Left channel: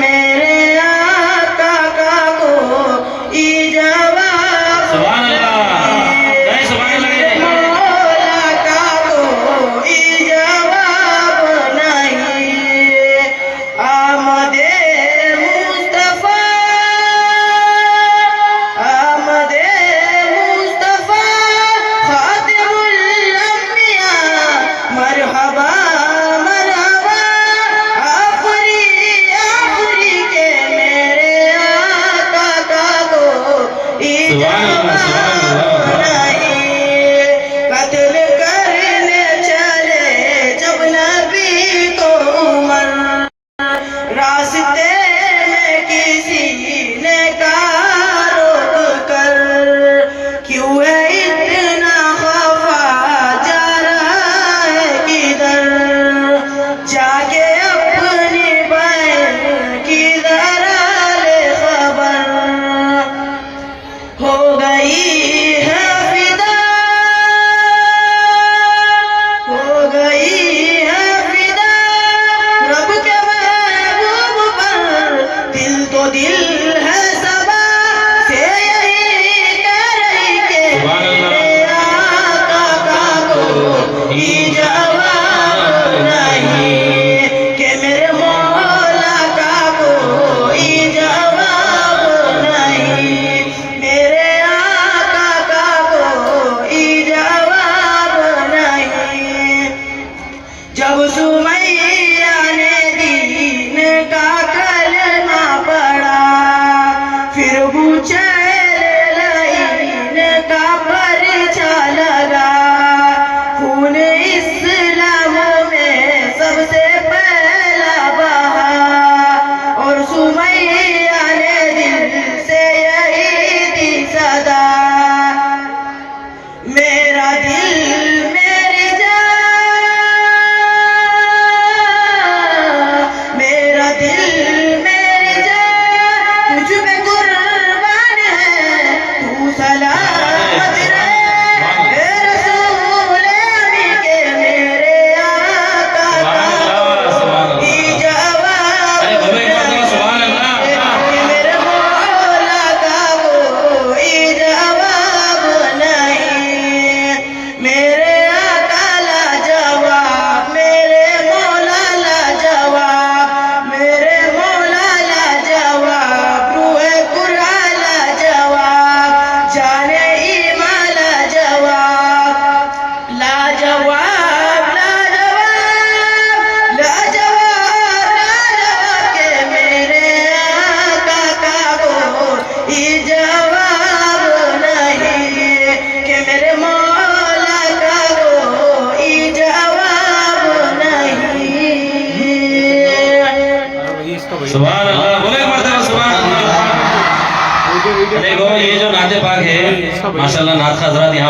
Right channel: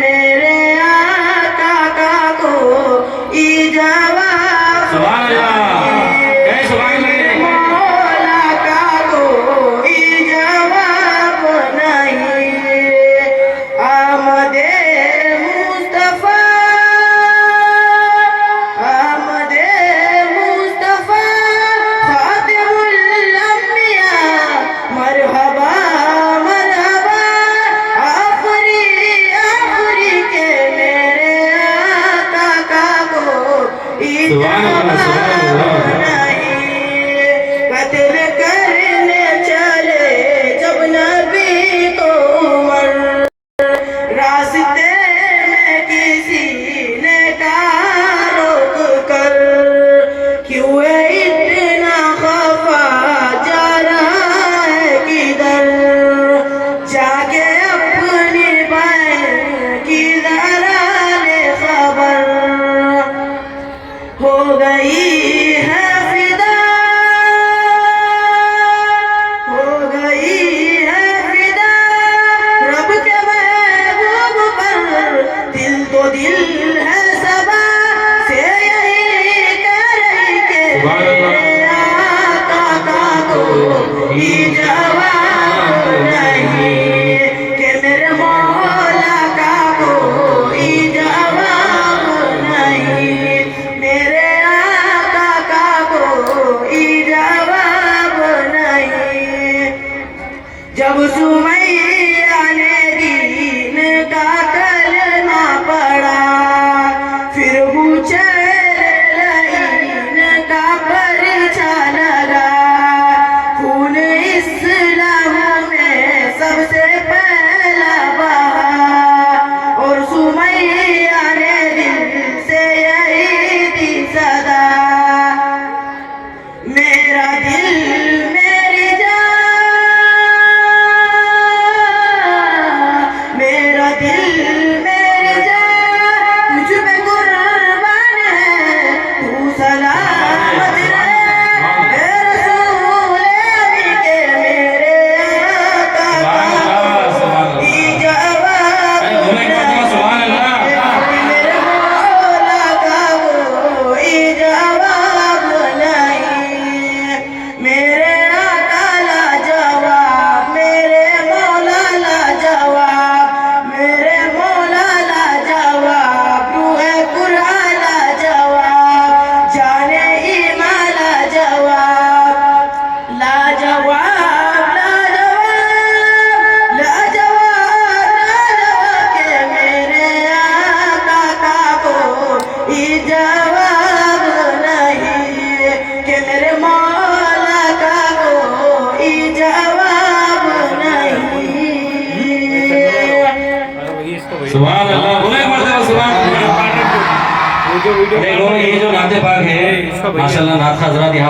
मेरे आका का कोई जवाब सुभान अल्लाह नहीं सुभान अल्लाह मौला का कोई जवाब नहीं आमदे मुस्तफा खातिमुल अंबिया मरहबा मरहबा आखरी के मेरे आका का कोई जवाब नहीं कत्ल करने चले जब नबी को उमर रास्ते में किसी ने कहा रोक कर क्यों है इतना खफा जा रहा है किधर जाके अपनी बहन की जरा ले खबर हो गई है फिदा हो गई है फिदा रब के महबूब पर दिल तो दिल है सबा से यही कह रही के मेरे आका का कोई जवाब नहीं कि मेरे मौला का कोई जवाब नहीं मेरे आका का कोई जवाब नहीं जब सुमैया ने दीन का कलमा पढ़ा फिर पूछे लाइन का परिचा लगा खून इस्लाम में सबसे पहला बहा और सुमैया ने दिल से यही दी सदा मेरा दिल मेरी जान मेरा दिल मेरी जान तुझ पे कुर्बान है तू सलामत रहे ए रसूल अमी के मेरे आका का कोई जवाब नहीं मेरे मौला का कोई जवाब नहीं मेरे आका ला जवाब मेरे मौला ला जवाब मेरे मौला ला जवाब रूहे कुरान ला जवाब जाने ईमान ला जवाब ला जवाब ला जवाब ला जवाब ला जवाब के मेरे आका का कोई जवाब नहीं कि मेरे मौला का कोई जवाब नहीं सुभान अल्लाह बोले एक मरतबा सुभान अल्लाह देखो ये जो नाते पाक है माशाल्लाह नात हजरात यहाँ